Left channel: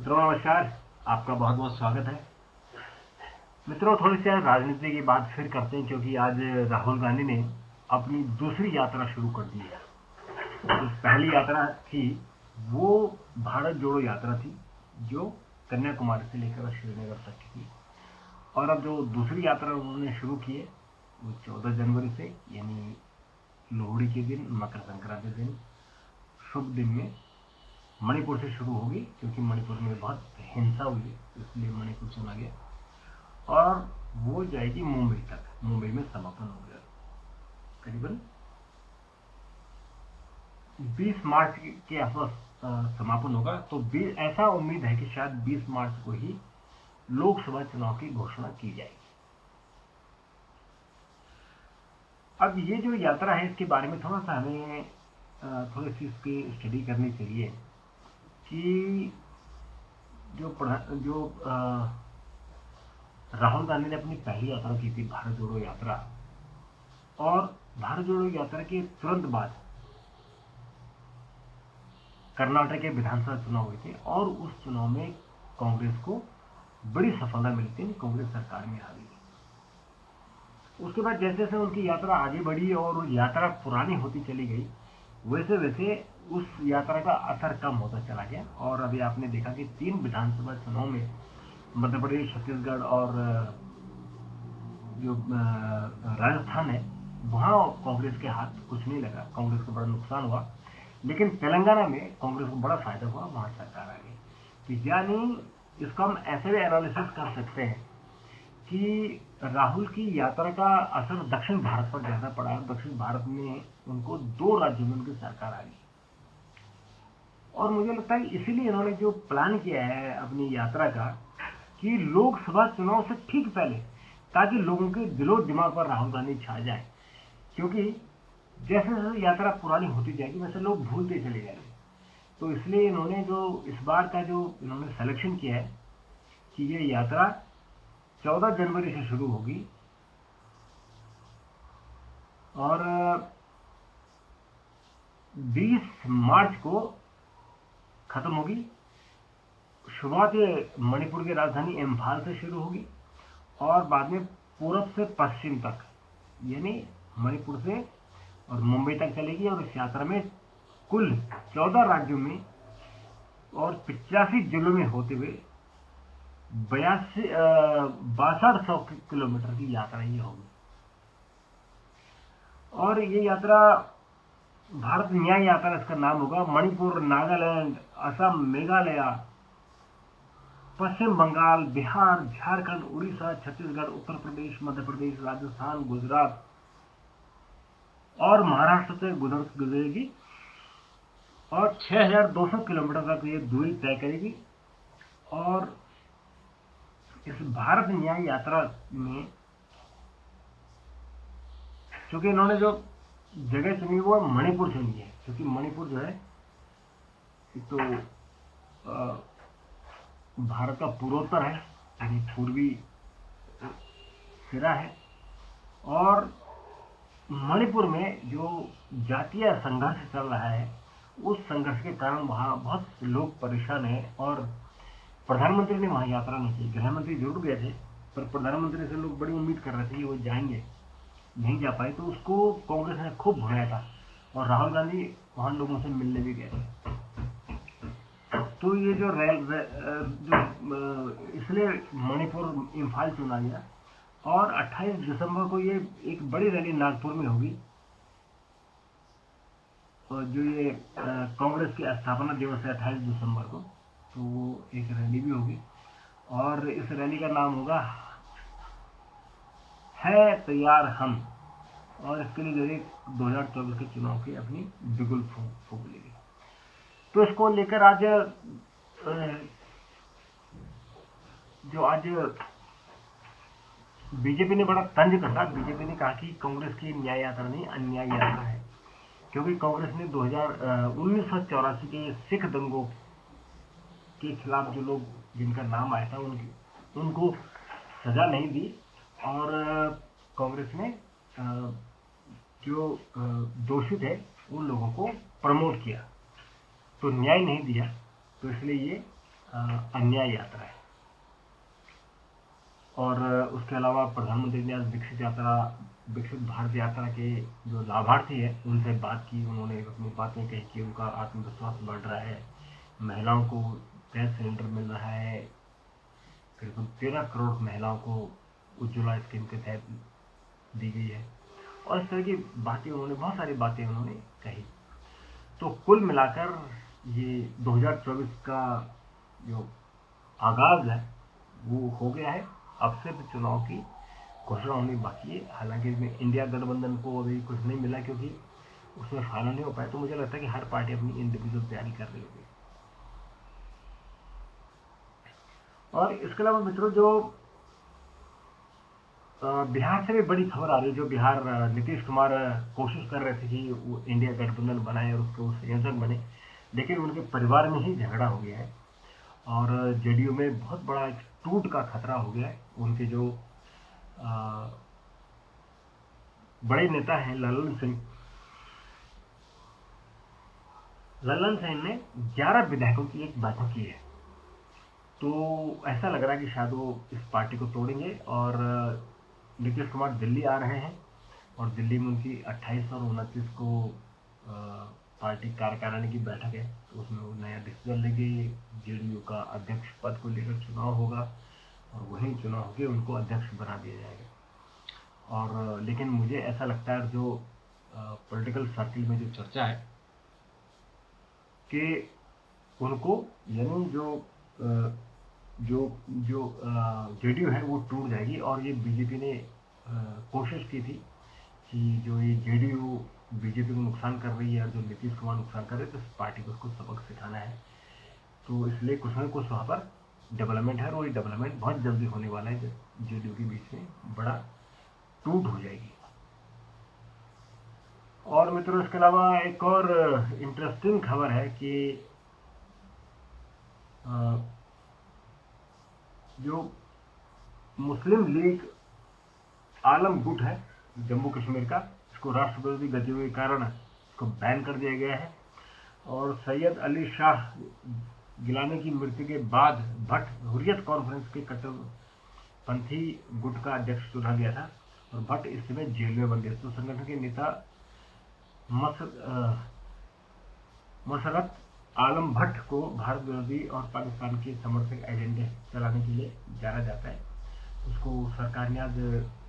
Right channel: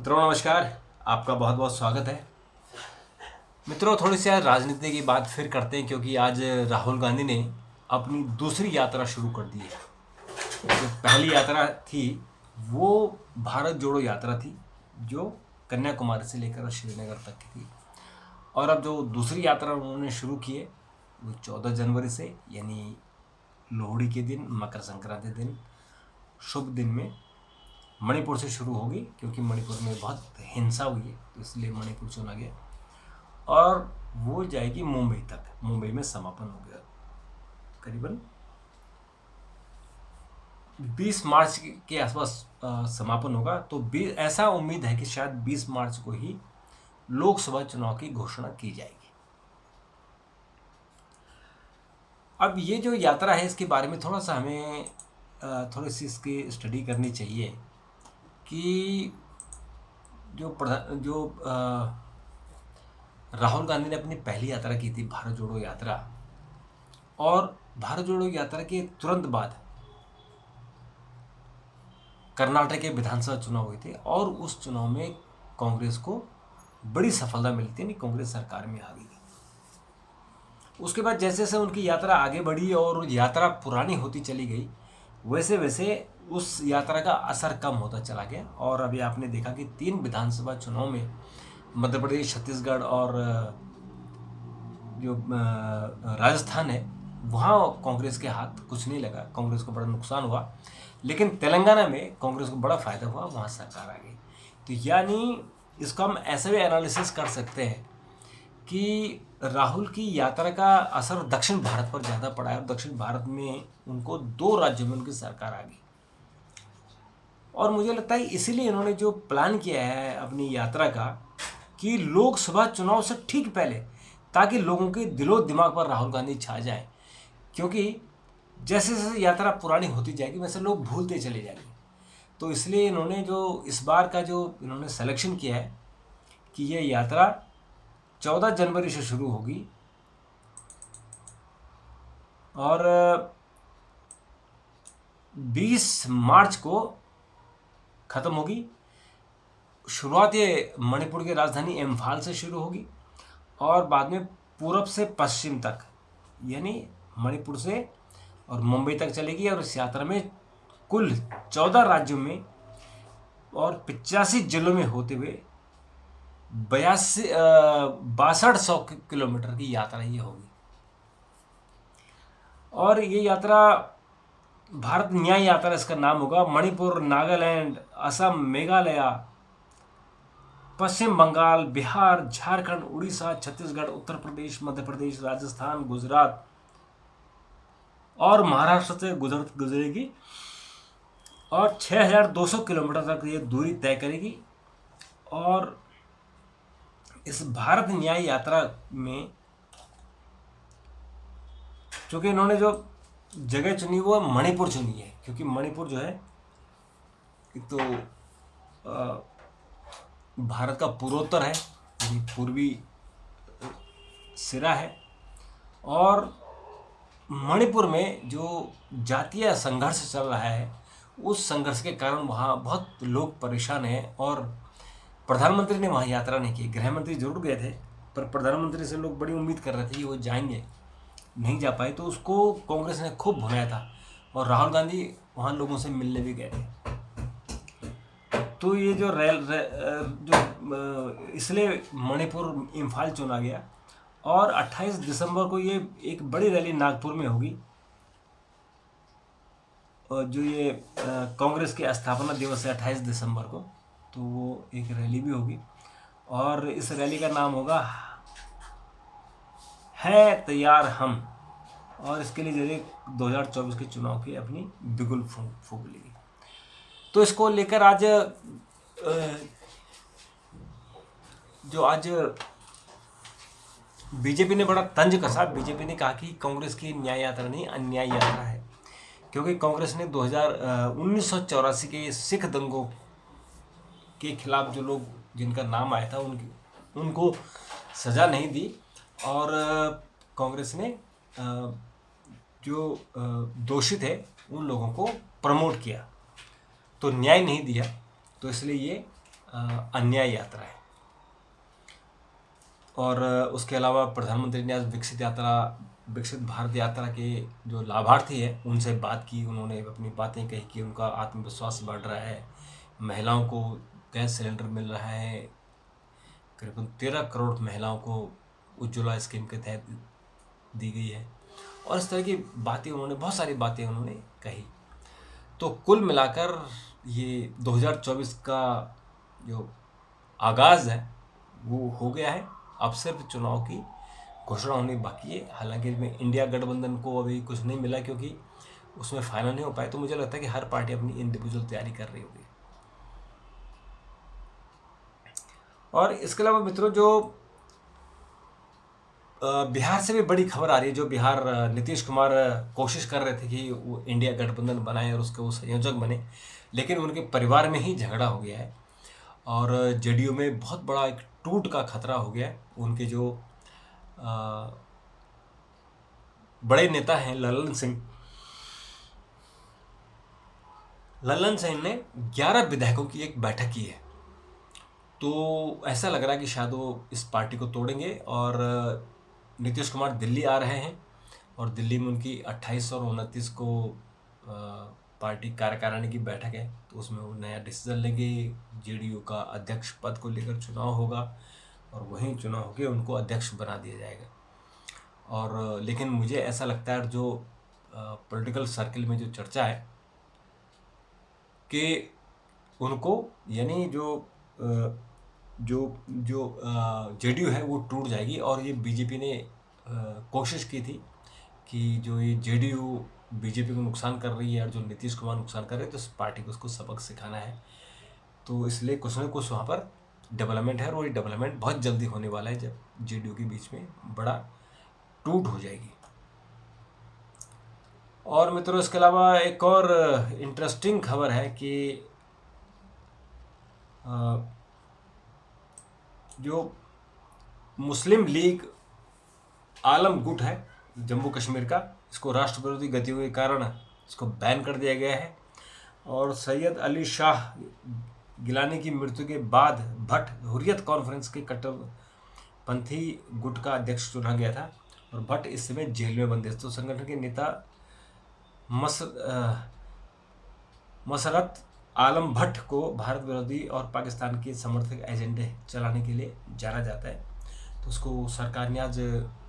मित्रों नमस्कार। आपका बहुत बहुत स्वागत है। मित्रों थोड़ी सी आज राजनीति की बात फिर करते हैं, क्योंकि आज राहुल गांधी ने अपनी दूसरी यात्रा शुरू कर दी है। जो पहली यात्रा थी वो भारत जोड़ो यात्रा थी, जो कन्याकुमारी से लेकर श्रीनगर तक की थी। और अब जो दूसरी यात्रा उन्होंने शुरू की है वो 14 जनवरी से, यानी लोहड़ी के दिन, मकर संक्रांति दिन, शुभ दिन में मणिपुर से शुरू होगी। क्योंकि मणिपुर में बहुत हिंसा हुई है तो इसलिए मणिपुर चुना गया, और वो जाएगी मुंबई तक। मुंबई में समापन हो गया। करीबन 20 मार्च के आसपास समापन होगा। तो ऐसा उम्मीद है कि शायद 20 मार्च को ही लोकसभा चुनाव की घोषणा की जाएगी। अब ये जो यात्रा है इसके बारे में थोड़ा सा हमें थोड़ी सी इसकी स्टडी करनी चाहिए कि जो राहुल गांधी ने अपनी पहली यात्रा की थी भारत जोड़ो यात्रा, और भारत जोड़ो यात्रा के तुरंत बाद कर्नाटक के विधानसभा चुनाव हुए थे, और उस चुनाव में कांग्रेस को बड़ी सफलता मिली थी, कांग्रेस सरकार में आ गई। उसके बाद जैसे जैसे उनकी यात्रा आगे बढ़ी और यात्रा पुरानी होती चली गई, वैसे वैसे उस यात्रा का असर कम होता चला गया। और अभी आपने देखा कि 3 विधानसभा चुनाव में मध्य प्रदेश, छत्तीसगढ़ और जो राजस्थान है, वहाँ कांग्रेस के हाथ कुछ नहीं लगा, कांग्रेस को बड़ा नुकसान हुआ। लेकिन तेलंगाना में कांग्रेस को बड़ा फायदा हुआ, वहाँ सरकार आ गई। तो यानी इसको हम ऐसे भी एनालिसिस कर सकते हैं कि राहुल की यात्रा का असर दक्षिण भारत पर ज़्यादा पड़ा है, और दक्षिण भारत में उनको 2 राज्यों में उनकी सरकार आ गई। और मुझे लगता है इसीलिए इन्होंने जो प्लान किया है अपनी यात्रा का, कि लोकसभा चुनाव से ठीक पहले, ताकि लोगों के दिलो दिमाग पर राहुल गांधी छा जाए। क्योंकि जैसे जैसे यात्रा पुरानी होती जाएगी वैसे लोग भूलते चले जाएंगे। तो इसलिए इन्होंने जो इस बार का जो इन्होंने सिलेक्शन किया है कि ये यात्रा 14 जनवरी से शुरू होगी और 20 मार्च को ख़त्म होगी। शुरुआत ये मणिपुर की राजधानी इम्फाल से शुरू होगी, और बाद में पूरब से पश्चिम तक, यानी मणिपुर से और मुंबई तक चलेगी। और इस यात्रा में कुल 14 राज्यों में और 85 जिलों में होते हुए 6200 किलोमीटर की यात्रा ये होगी। और ये यात्रा भारत न्याय यात्रा इसका नाम होगा। मणिपुर, नागालैंड, असम, मेघालय, पश्चिम बंगाल, बिहार, झारखंड, उड़ीसा, छत्तीसगढ़, उत्तर प्रदेश, मध्य प्रदेश, राजस्थान, गुजरात और महाराष्ट्र से गुजरेगी, और 6200 किलोमीटर तक ये दूरी तय करेगी। और इस भारत न्याय यात्रा में चूंकि इन्होंने जो जगह चुनी वो मणिपुर चुनी है, क्योंकि मणिपुर जो है एक तो भारत का पूर्वोत्तर है, पूर्वी सिरा है। और मणिपुर में जो जातीय संघर्ष चल रहा है, उस संघर्ष के कारण वहाँ बहुत लोग परेशान हैं। और प्रधानमंत्री ने वहाँ यात्रा नहीं की। गृह मंत्री जरूर गए थे, पर प्रधानमंत्री से लोग बड़ी उम्मीद कर रहे थे कि वो जाएंगे, नहीं जा पाए। तो उसको कांग्रेस ने खूब भुनाया था, और राहुल गांधी वहाँ लोगों से मिलने भी गए थे। तो ये जो इसलिए मणिपुर इम्फाल चुना गया। और 28 दिसंबर को ये एक बड़ी रैली नागपुर में होगी, और जो ये कांग्रेस की स्थापना दिवस है 28 दिसंबर को, तो वो एक रैली भी होगी। और इस रैली का नाम होगा है तैयार हम। और इसके लिए जरिए 2024 के चुनाव की अपनी बिगुल फूंक लेगी। तो इसको लेकर आज बीजेपी ने बड़ा तंज कसा। बीजेपी ने कहा कि कांग्रेस की न्याय यात्रा नहीं, अन्याय यात्रा है। क्योंकि कांग्रेस ने 1984 के सिख दंगों के खिलाफ जो लोग जिनका नाम आया था उनको सज़ा नहीं दी, और कांग्रेस ने जो दोषित है उन लोगों को प्रमोट किया, तो न्याय नहीं दिया। तो इसलिए ये अन्याय यात्रा है। और उसके अलावा प्रधानमंत्री ने आज विकसित भारत यात्रा के जो लाभार्थी हैं उनसे बात की। उन्होंने अपनी बातें कही कि उनका आत्मविश्वास बढ़ रहा है, महिलाओं को गैस सिलेंडर मिल रहा है, करीबन 13 करोड़ महिलाओं को उज्ज्वला स्कीम के तहत दी गई है, और इस तरह की बातें उन्होंने, बहुत सारी बातें उन्होंने कही। तो कुल मिलाकर ये 2024 का जो आगाज़ है वो हो गया है। अब सिर्फ चुनाव की घोषणा होनी बाकी है। हालांकि इसमें इंडिया गठबंधन को अभी कुछ नहीं मिला क्योंकि उसमें फाइनल नहीं हो पाए, तो मुझे लगता है कि हर पार्टी अपनी इंडिविजुअल तैयारी कर रही होगी। और इसके अलावा मित्रों, जो बिहार से भी बड़ी खबर आ रही है। जो बिहार नीतीश कुमार कोशिश कर रहे थे कि वो इंडिया गठबंधन बनाए और उसके वो संयोजक बने, लेकिन उनके परिवार में ही झगड़ा हो गया है और जेडीयू में बहुत बड़ा एक टूट का खतरा हो गया है। उनके जो बड़े नेता हैं ललन सिंह ने 11 विधायकों की एक बैठक की है। तो ऐसा लग रहा है कि शायद वो इस पार्टी को तोड़ेंगे और नीतीश कुमार दिल्ली आ रहे हैं और दिल्ली में उनकी 28 और 29 को पार्टी कार्यकारिणी की बैठक है, तो उसमें वो नया डिसीजन लेंगे। जेडीयू का अध्यक्ष पद को लेकर चुनाव होगा और वहीं चुनाव होकर उनको अध्यक्ष बना दिया जाएगा। और लेकिन मुझे ऐसा लगता है जो पॉलिटिकल सर्कल में जो चर्चा है कि उनको, यानी जो जेडीयू है वो टूट जाएगी। और ये बीजेपी ने कोशिश की थी कि जो ये जेडीयू बीजेपी को नुकसान कर रही है और जो नीतीश कुमार नुकसान कर रहे हैं, तो इस पार्टी को उसको सबक सिखाना है। तो इसलिए कुछ न कुछ वहाँ पर डेवलपमेंट है और ये डेवलपमेंट बहुत जल्दी होने वाला है जब जेडीयू के बीच में बड़ा टूट हो जाएगी। और मित्रों, इसके अलावा एक और इंटरेस्टिंग खबर है कि जो मुस्लिम लीग आलम गुट है जम्मू कश्मीर का, इसको राष्ट्र विरोधी गतिविधियों के कारण इसको बैन कर दिया गया है। और सैयद अली शाह गिलानी की मृत्यु के बाद भट्ट हुर्रियत कॉन्फ्रेंस के कट्टरपंथी गुट का अध्यक्ष चुना गया था और भट्ट इस समय जेल में बंद है। तो संगठन के नेता मसरत आलम भट्ट को भारत विरोधी और पाकिस्तान के समर्थक एजेंडे चलाने के लिए जाना जाता है। तो उसको सरकार ने आज,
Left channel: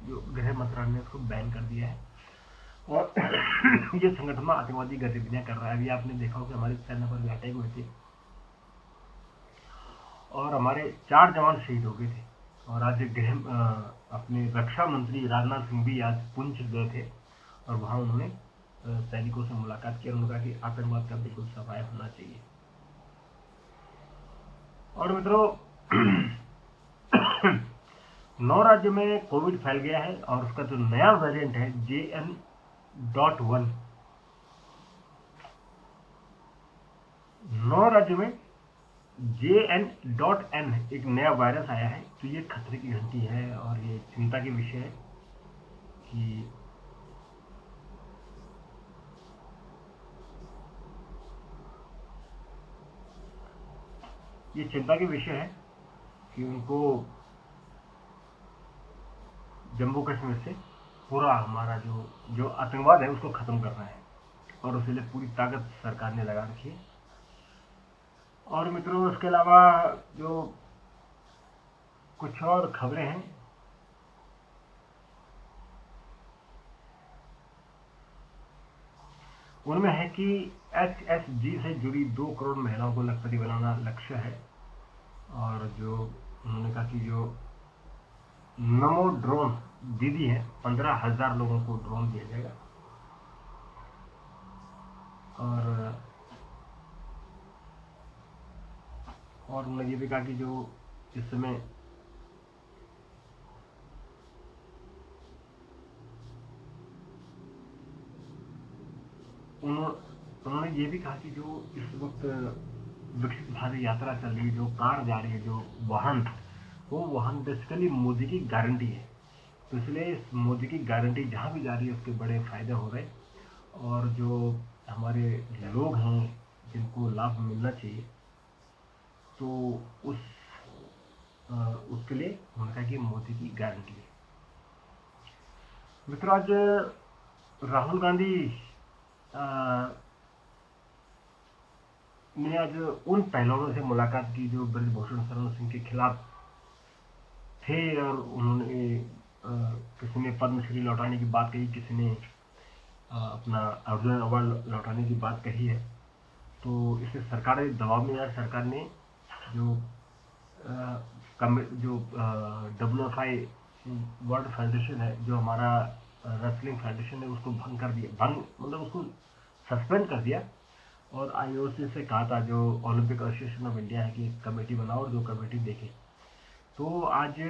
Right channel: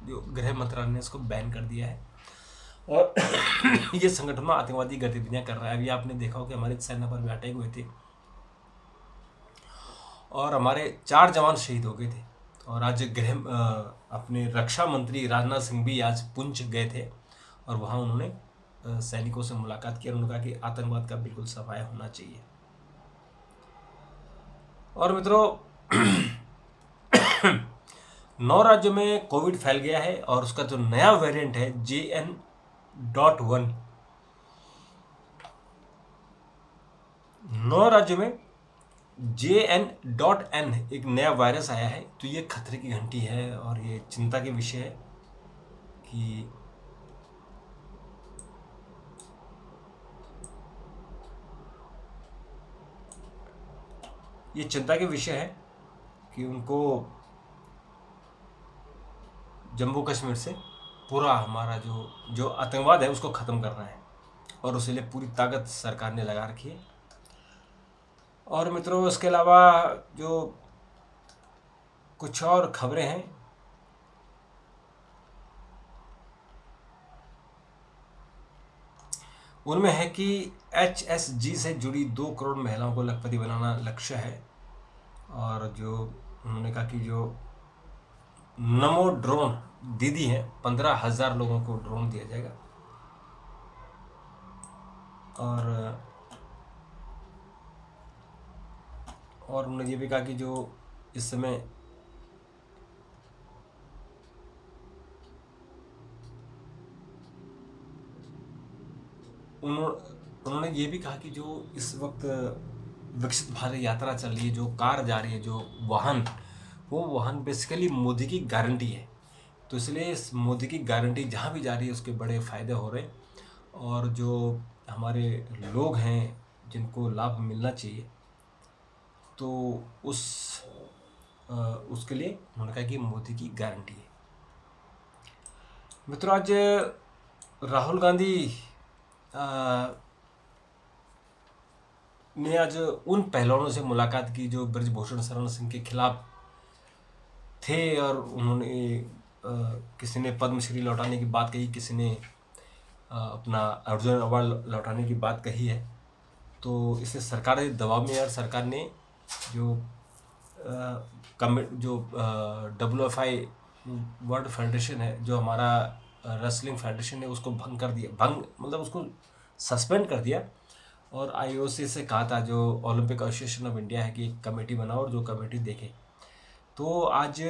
जो गृह मंत्रालय ने इसको बैन कर दिया है और ये संगठन में आतंकवादी गतिविधियां कर रहा है। अभी आपने देखा हो कि हमारे सेना पर भी अटैक हुए थे और हमारे 4 जवान शहीद हो गए थे। और आज अपने रक्षा मंत्री राजनाथ सिंह भी आज पुंछ गए थे और वहाँ उन्होंने सैनिकों से मुलाकात की और उन्होंने कहा कि आतंकवाद का बिल्कुल सफाया होना चाहिए। और मित्रों, 9 राज्यों में कोविड फैल गया है और उसका जो नया वेरिएंट है JN.1, 9 राज्यों में JN.N एक नया वायरस आया है। तो ये खतरे की घंटी है और ये चिंता के विषय है कि उनको जम्मू कश्मीर से पूरा हमारा जो आतंकवाद है उसको ख़त्म करना है और उसके लिए पूरी ताकत सरकार ने लगा रखी है। और मित्रों, इसके अलावा जो कुछ और खबरें हैं, उनमें है कि HSG से जुड़ी 2 करोड़ महिलाओं को लखपति बनाना लक्ष्य है। और जो उन्होंने कहा कि जो नमो ड्रोन दीदी है, 15,000 लोगों को ड्रोन दिया जाएगा। और उन्होंने ये भी कहा कि जो इस समय उन्होंने ये भी कहा कि जो इस वक्त विकसित भारत यात्रा चल रही है, जो कार जा रही है, जो वाहन, वो वाहन बेसिकली मोदी की गारंटी है। तो इसलिए इस मोदी की गारंटी जहाँ भी जा रही है उसके बड़े फ़ायदे हो रहे हैं। और जो हमारे लोग हैं जिनको लाभ मिलना चाहिए, तो उसके लिए उन्होंने कहा कि मोदी की गारंटी है। मित्रों, आज राहुल गांधी ने आज उन पहलवानों से मुलाकात की जो ब्रजभूषण शरण सिंह के खिलाफ थे, और उन्होंने किसी ने पद्मश्री लौटाने की बात कही, किसी ने अपना अर्जुन अवार्ड लौटाने की बात कही है। तो इससे सरकार के दबाव में, यार सरकार ने जो WFI वर्ल्ड फेडरेशन है, जो हमारा रेसलिंग फेडरेशन है, उसको भंग कर दिया, मतलब उसको सस्पेंड कर दिया। और IOC से कहा था, जो ओलंपिक एसोसिएशन ऑफ इंडिया है, कि एक कमेटी बनाओ और जो कमेटी देखे। तो आज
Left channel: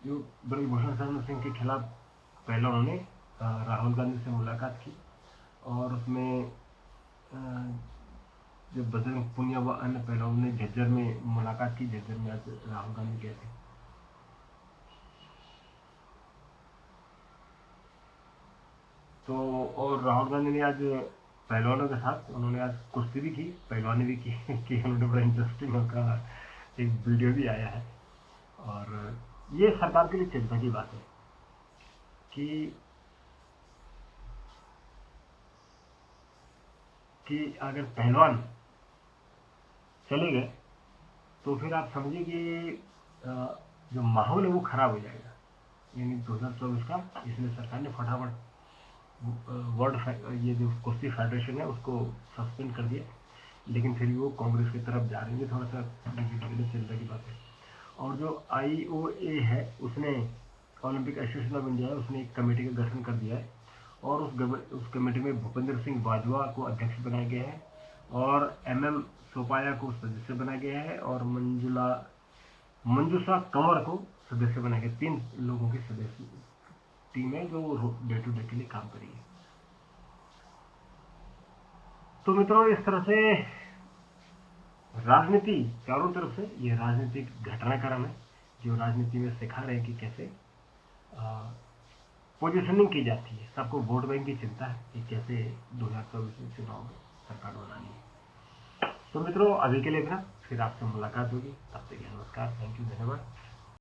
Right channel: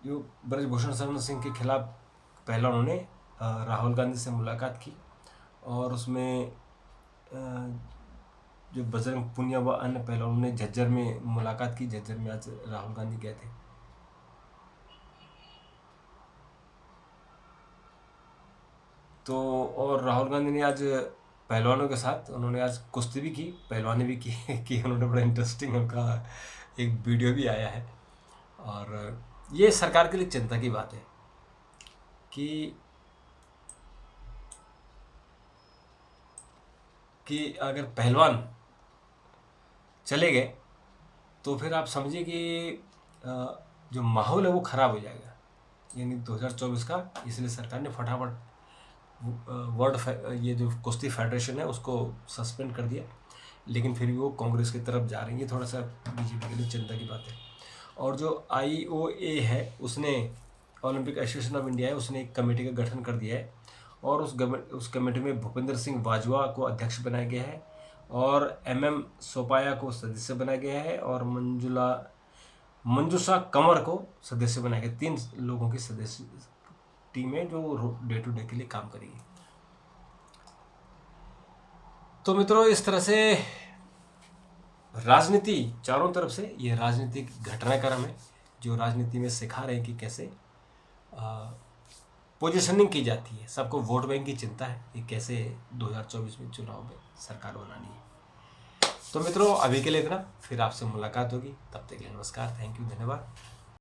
जो ब्रजभूषण शरण सिंह के खिलाफ पहला उन्होंने राहुल गांधी से मुलाकात की, और उसमें जो बजरंग पुनिया व अन्य पहलवानों ने झज्जर में मुलाकात की। झज्जर में आज राहुल गांधी गए थे। तो और राहुल गांधी ने आज पहलवानों के साथ उन्होंने आज कुश्ती भी की, पहलवानी भी की कि उन्होंने बड़ा इंटरेस्टिंग उनका एक वीडियो भी आया है। और ये सरकार के लिए चिंता की बात है कि अगर पहलवान चले गए तो फिर आप समझिए कि जो माहौल है वो ख़राब हो जाएगा, यानी 2024 का। इसलिए सरकार ने फटाफट ये जो कुश्ती फेडरेशन है उसको सस्पेंड कर दिया, लेकिन फिर भी वो कांग्रेस की तरफ जा रही है। थोड़ा सा बीजेपी के लिए चिंता की बात है। और जो IOA है, उसने ओलंपिक एसोसिएशन ऑफ इंडिया है, उसने एक कमेटी का गठन कर दिया है, और उस कमेटी में भूपेंद्र सिंह बाजवा को अध्यक्ष बनाया गया है, और MM सोपाया को सदस्य बनाया गया है, और मंजूषा कंवर को सदस्य बनाया गया। 3 लोगों की सदस्य टीम है जो डे टू डे के लिए काम करेगी। तो मित्रों, इस तरह से राजनीति चारों तरफ से, ये राजनीतिक घटनाक्रम है जो राजनीति में सिखा रहे हैं कि कैसे पोजीशनिंग की जाती है। सबको वोट बैंक की चिंता है कि कैसे 2024 में चुनाव में सरकार बनानी है। तो मित्रों, अभी के लिए इतना, फिर आपसे मुलाकात होगी। तब तक के लिए नमस्कार, थैंक यू, धन्यवाद।